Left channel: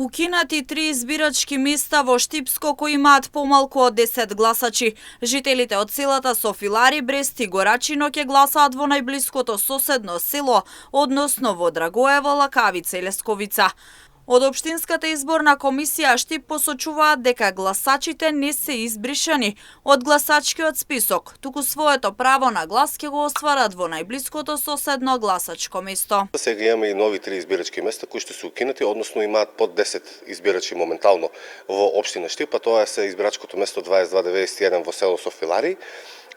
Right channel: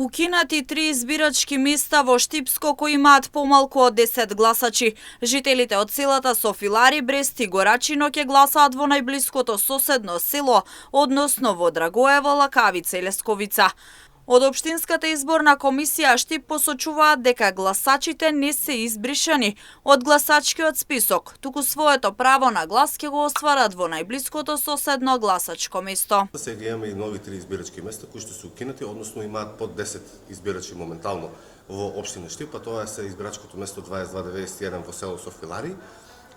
Укинати 3 избирачки места во Штипско кои имаат помалку од 10 гласачи. Жителите од селата Софилари, Брест и Горачино ќе гласаат во најблиското соседно село, односно во Драгоево, Лакавица и Лесковица. Од Општинската изборна комисија Штип посочуваат дека гласачите не се избришани од гласачкиот список, туку своето право на глас ќе го остварат во најблиското соседно гласачко место. Сега имаме и нови 3 избирачки места кои што се укинати, односно имаат под 10 избирачи моментално во општина Штип, а тоа е избирачкото место 2291 во село Софилари,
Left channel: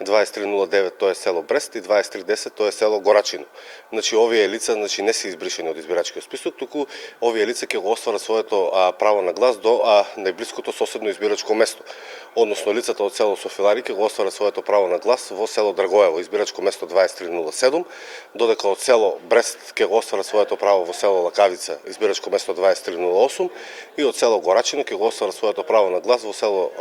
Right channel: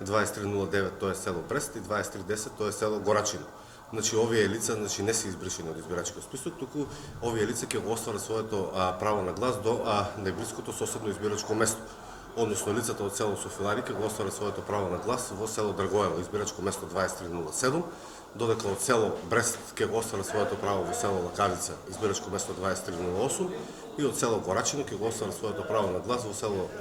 2309 тоа е село Брест и 2310 тоа е село Горачино. Значи овие лица не се избришани од избирачкиот список, туку овие лица ќе го остварат своето право на глас до најблиското соседно избирачко место. Односно лицата од село Софилари ќе го остварат своето право на глас во село Драгоево, избирачко место 2307, додека од село Брест ќе го остварат своето право во село Лакавица, избирачко место 2308, и од село Горачино ќе го остварат своето право на глас во село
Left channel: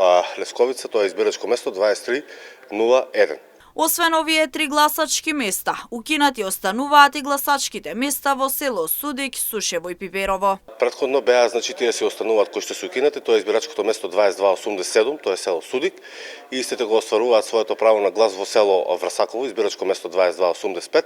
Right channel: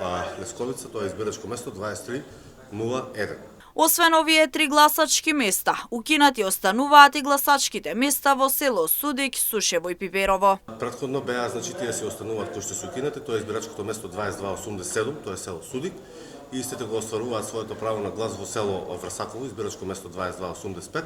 Лесковица, тоа е избирачко место 2301. Освен овие 3 гласачки места, укинати остануваат и гласачките места во село Судик, Сушево и Пиперово. Претходно беа, тие се остануваат кои што се укинати, тоа е избирачкото место 2287, тоа е село Судик, и истите го остваруваат своето право на глас во село Врсаково, избирачко место 2285,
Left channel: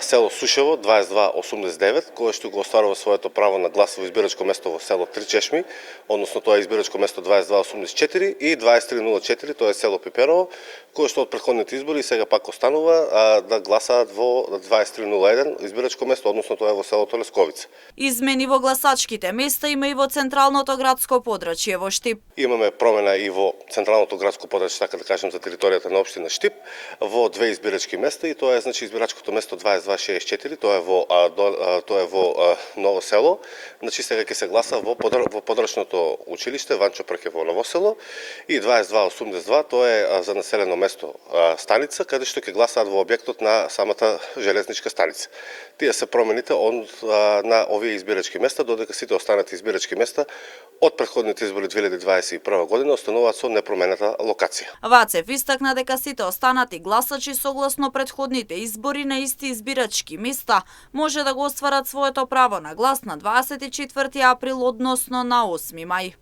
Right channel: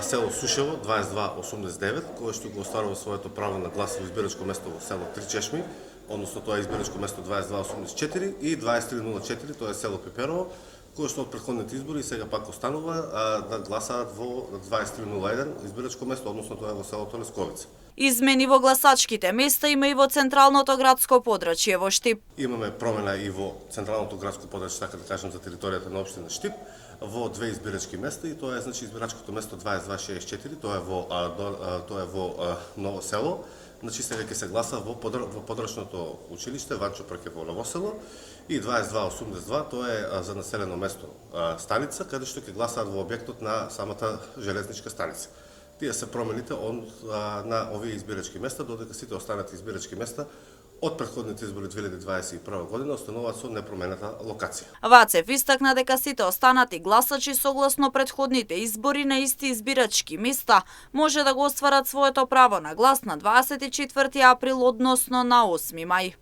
село Сушево 2289, кое што го остварува своето право на глас во избирачко место во село Тричешми, односно тоа е избирачко место 2284 и 2304, тоа е село Пиперово, кое што од претходните избори и сега пак останува да гласаат во 2301 избирачко место, односно тоа е во селото Лесковица. Измени во гласачките места има и во централното градско подрачје во Штип. Имаме промена и во централното градско подрачје, така да кажем, за територијата на општина Штип, во 2 избирачки места, и тоа е избирачкото место 2264, тоа е во Ново село. Сега ќе се гласа во подрачното училиште Ванчо Прке во Ново село, и 2282, тоа е за населено место станица, каде што ќе гласаат во објектот на самата железничка станица. Тие се промените на овие избирачки места, додека сите останати избирачки места од претходните избори 2021 година остануваат со непроменета локација. Вацев истакна дека сите останати гласачи согласно претходните избори на исти избирачки места може да го остварат своето право на глас на 24 април, односно на 8 мај.